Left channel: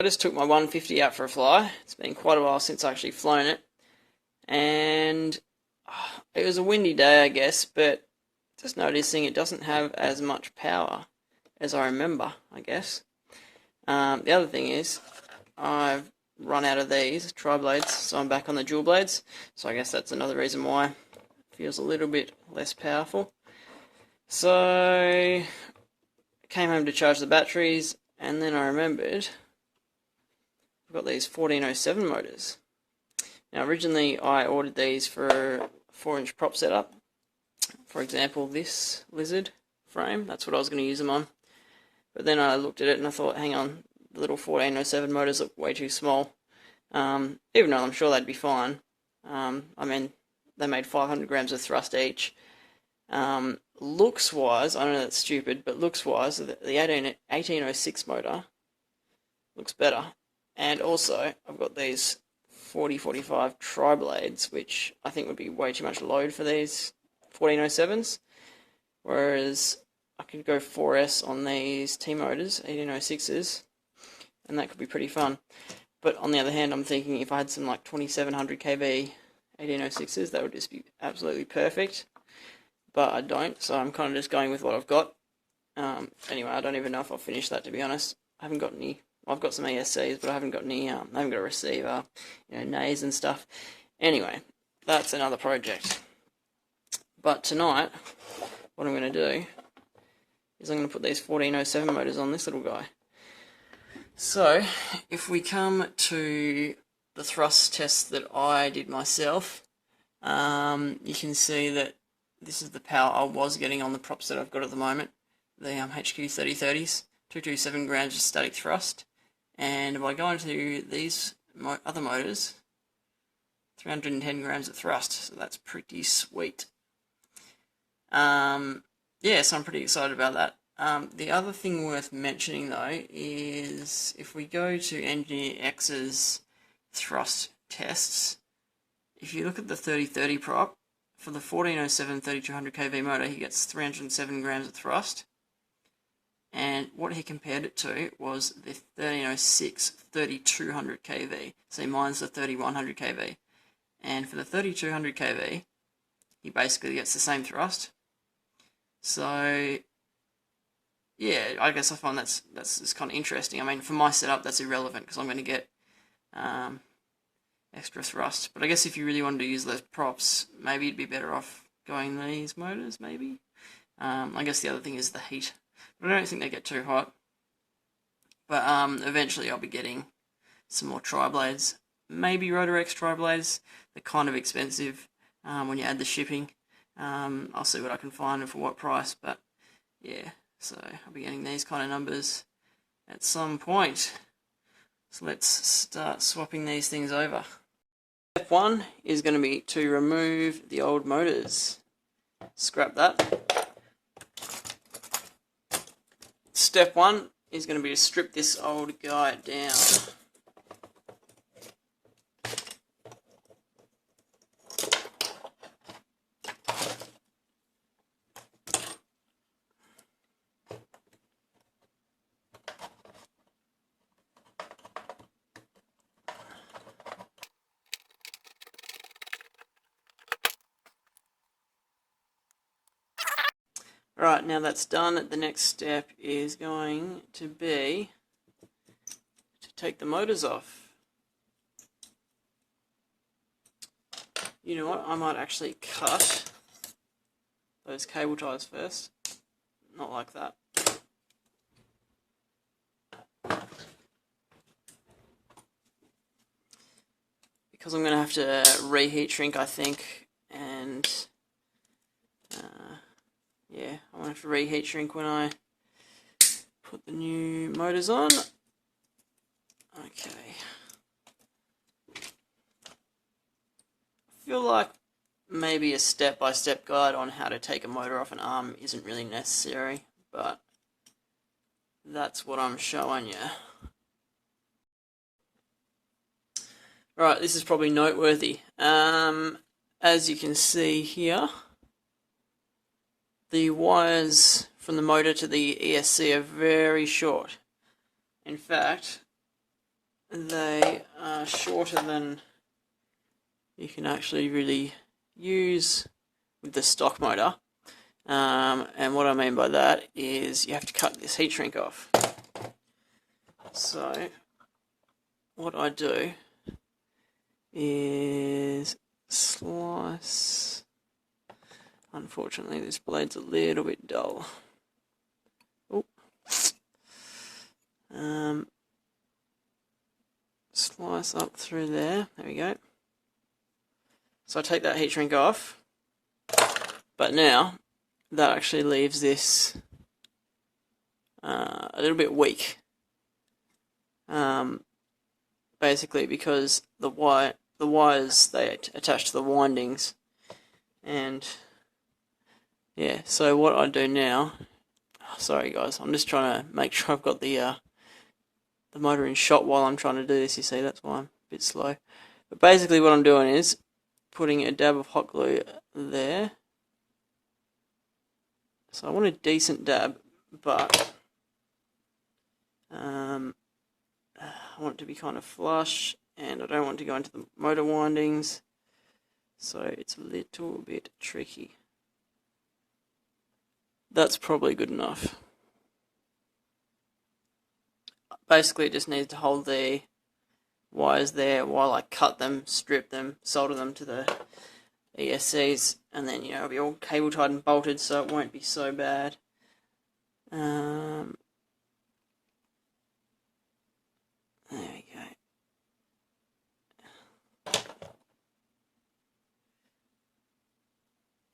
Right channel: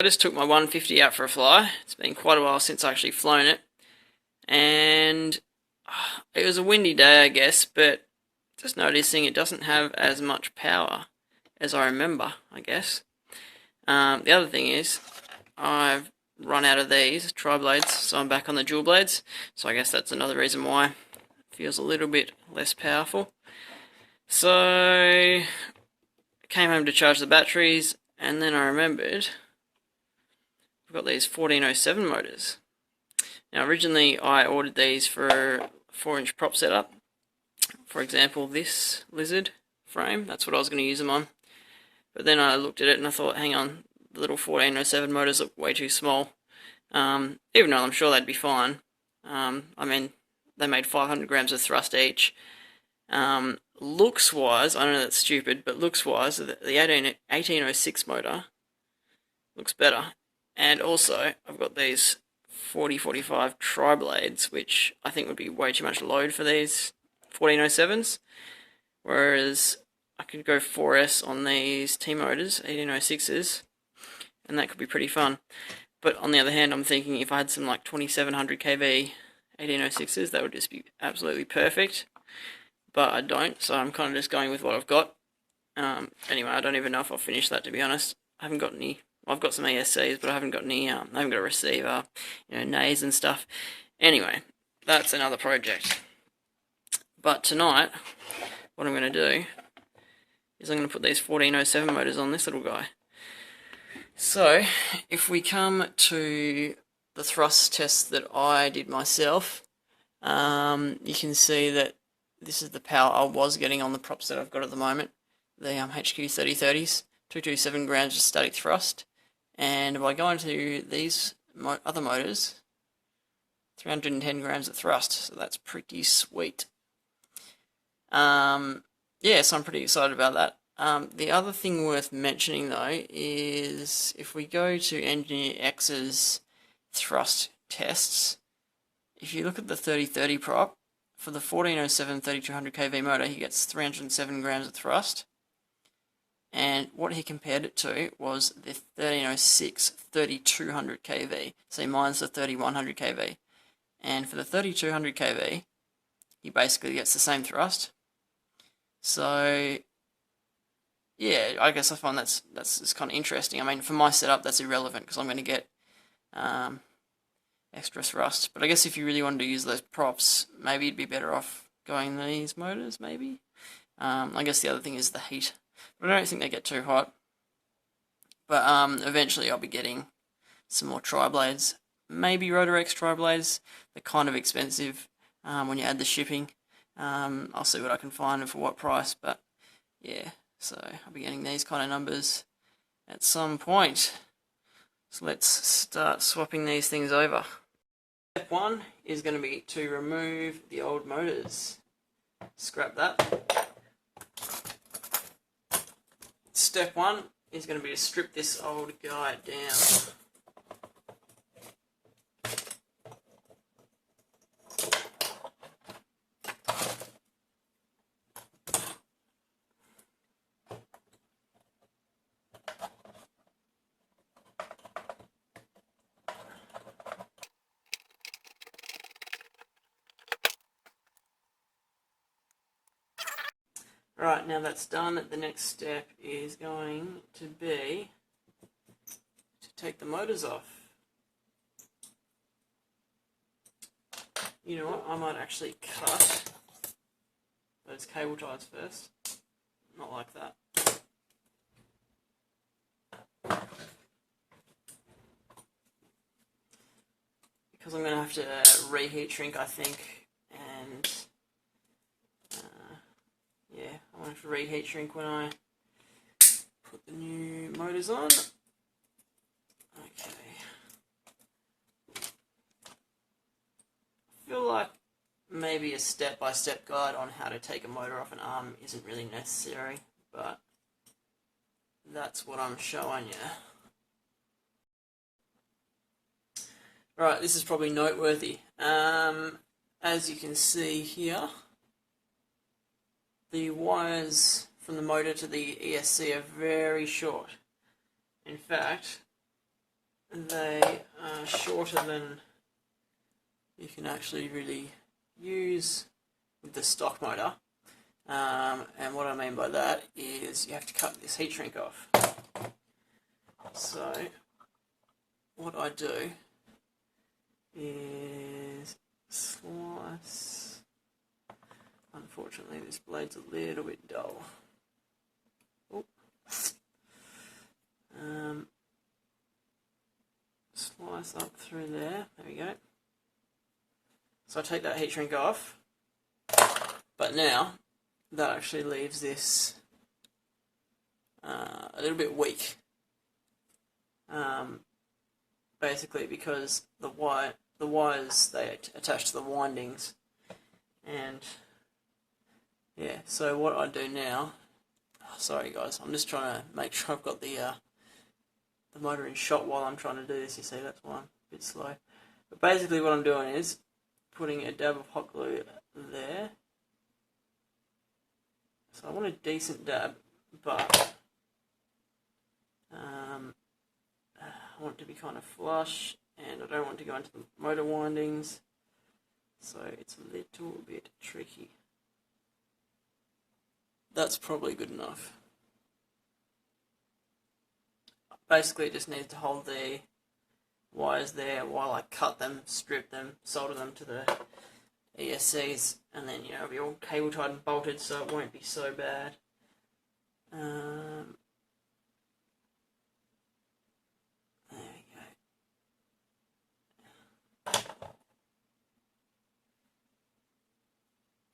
I just took my 150 out for a fly. It's been quite a while since I actually flown it, and it was a windy day, I guess, but just noticing it doesn't have as much power as I remember, I guess. The other thing is, I've run out of these tri-blades, so I'm back on the dual blades, so I guess that's another reason why it feels a little bit less powerful. So, I came home to charge the batteries, and then I remembered I've got these 1407 motors. Now originally I ordered these for a 4-inch prop setup. For example, this lizard frame, that's what I was going to use them on. But then I looked at it and I thought, hang on, the little 1407 motors look way too small. Even though I'm sure they'd be fine. I mean, they made 500 grams of thrust each. Looks wise, I know that's stupid, but looks wise, the 1806 motor looks better. And also, I've got these 4045 tri-blades, which I think would be way too much load for these 1407s. Whereas I could go 4S on these T-motors, 1806s, and that could be pretty fun. But on the other hand, I'm thinking if I had some like 2700 kV 1806s, that would just be absolutely perfect. But I don't, so I'm kind of just going with what I've got. Anyway, I don't even know if I'll finish that, to be honest. I haven't got any. I've got some ESCs, but I haven't got any. I haven't got a receiver, nays and stuff. Anyway, that's another project. But tonight, what I'm going to do is I'm going to put these 1407 motors on this little guy. So, if we come to the thrust test that I did myself, you can see that this is the power I was getting on the props that I've got at the moment, the HQ 3030s, 227 grams of static thrust. And if I go into these other motors, 310 grams of thrust, so that's pretty sweet. Yeah, so I'm pretty excited about that. The other thing worth mentioning though is if we go to Engineer X's thrust tests, if you look at the 3030 prop, for the 1407 3200 kV motor, he gets 307 grams of thrust. And what he compared it to was the 1306 3200 kV. So mine's the 3100 kV. And for the 3200 kV, he basically gets the same thrust. So, yeah, I guess I find that's kind of interesting. I mean, for my setup, that's irrelevant because I'm going to get extra thrust. But I guess if you really wanted to use those props, maybe you'd be better off going these motors, maybe. I guess the other thing is the heat. But I don't think they get too hot. But eventually I'll be getting some more tri-blades. Maybe Rotorex tri-blades. They're kind of expensive when you add the shipping. I'll see what I can find and for what price. But yeah, so I'll be getting these kind of numbers at some point. So let's start swapping these things over. Step 1 is going to be to remove the old motors. Scrap that. Step 1 is going to be to strip this old guy down. Right, now that's done, the next step is going to be to take the motors off. You know what, I might actually cut those cable ties first. Not like that. Because I'm going to have to reheat shrink, I think, and yeah, I'm going to have to reheat shrink when I put the new motors on. Okay. I feel like maybe a step-by-step guide on how to take a motor off an arm isn't really necessary, but that's what I'm showing you. Right, this is probably noteworthy. As you can see here, the wires from the motor to the ESC are very short. In fact, they are shorter than you can actually really use with the stock motor. And what I mean by that is you have to cut this heat shrink off. So what I do is slice. Unfortunately, this blade's a little bit dull. Oh. Slice up through there. There we go. So I take that heat shrink off, but now that actually leaves this a little bit weak. Basically because the wires they attach to the windings, and yeah. So what I do now, sorry guys, I'm just trying to make sure I've got the motor in shot while I'm trying to do this. You see, that's why I'm a bit slow. But basically what I'm doing is putting a dab of hot glue there. So I want a decent dab, but I want it to be kind of flush, and I don't want to go into the motor windings, so it's a little bit tricky. That's probably good enough. Basically, it just needs to hold the wires there while I cut them, strip them, solder them to the ESCs, and then, you know, it'll be all cable tied and bolted, so it won't be so bad. There we go.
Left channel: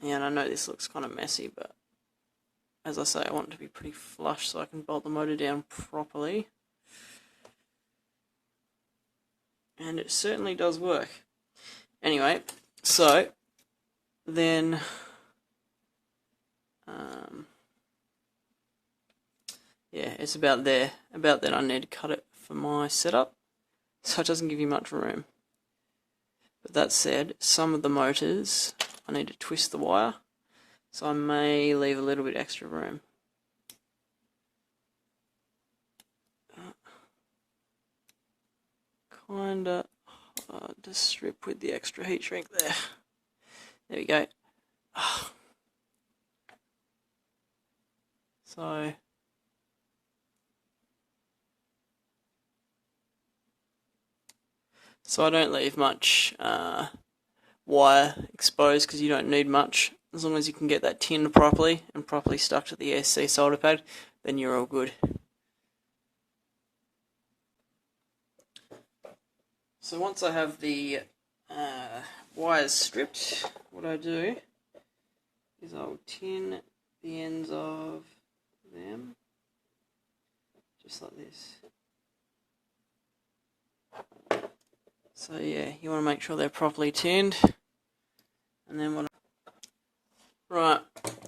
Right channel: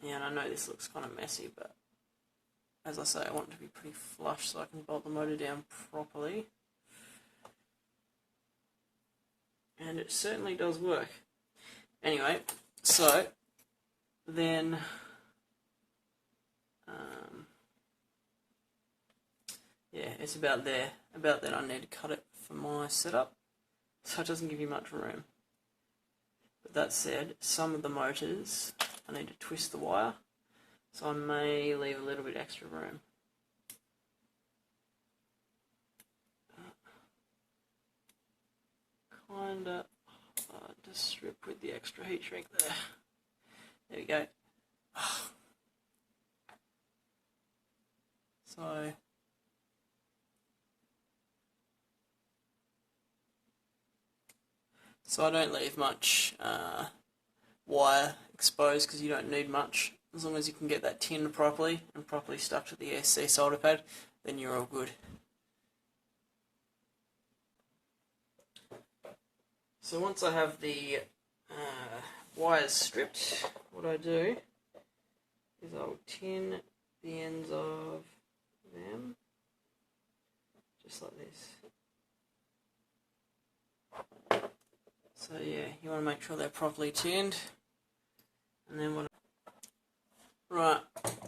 Yeah, and I know this looks kind of messy, but as I say, I want it to be pretty flush so I can bolt the motor down properly. And it certainly does work. Anyway, so then yeah, it's about there. About then I need to cut it for my setup, so it doesn't give you much room. But that said, some of the motors I need to twist the wire, so I may leave a little bit extra room. Kinda just strip with the extra heat shrink there. There we go. So I don't leave much wire exposed because you don't need much. As long as you can get that tinned properly and properly stuck to the ESC solder pad, then you're all good. So once I have the wires stripped, what I do is I'll tin the ends of them, just like this. So yeah, you want to make sure they're properly tinned. And then right,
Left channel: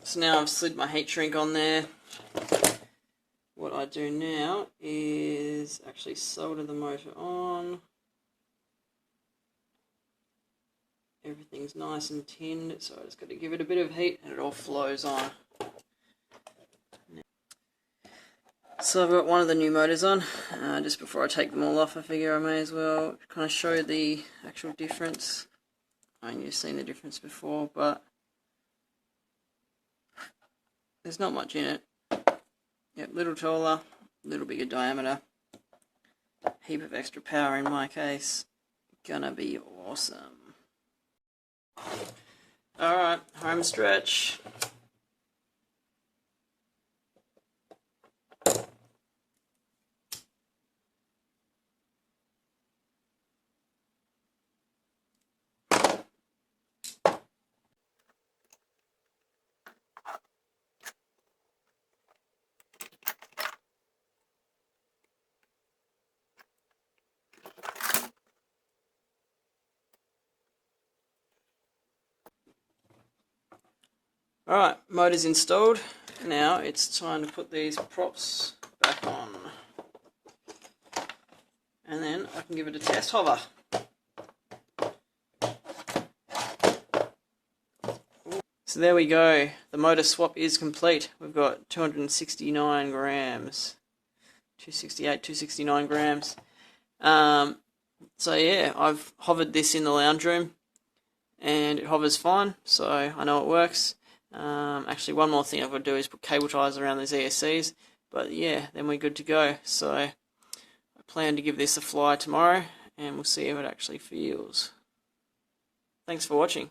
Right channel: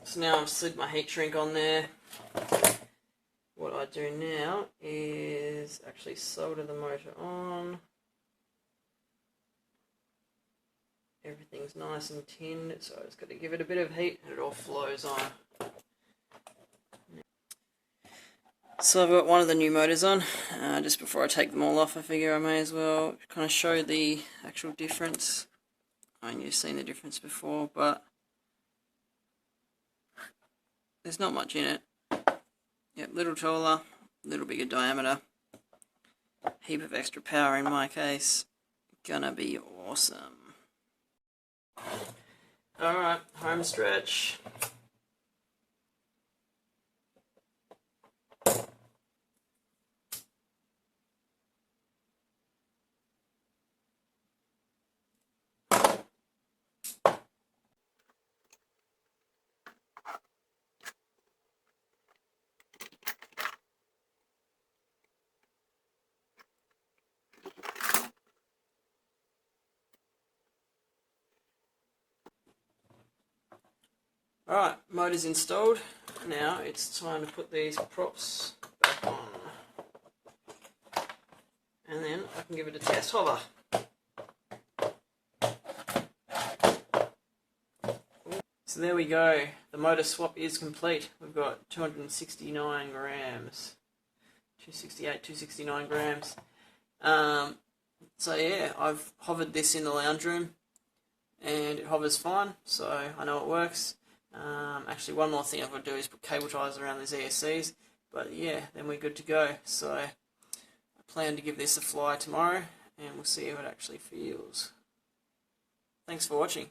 so now I've slid my heat shrink on there. What I do now is actually solder the motor on. Everything's nice and tinned, so I just got to give it a bit of heat and it all flows on. So I've got one of the new motors on. Just before I take them all off, I figure I may as well kind of show the actual difference. I mean, you've seen the difference before, but there's not much in it. Yep, little taller, little bigger diameter, heap of extra power in my case. Gonna be awesome. Alright, home stretch. Alright, motor's installed. Now it's time to put these props back on. And then I can give it a test hover. So there we go. The motor swap is complete. We've got 269 grams. 268, 269 grams. So yeah, I've hovered this in the lounge room and it hovers fine, so I know it works. Actually, one more thing I've got to do is put cable ties around these ESCs, but yeah, then we're good to go. So I plan to give this a fly tomorrow and we'll see how it actually feels. Thanks for watching.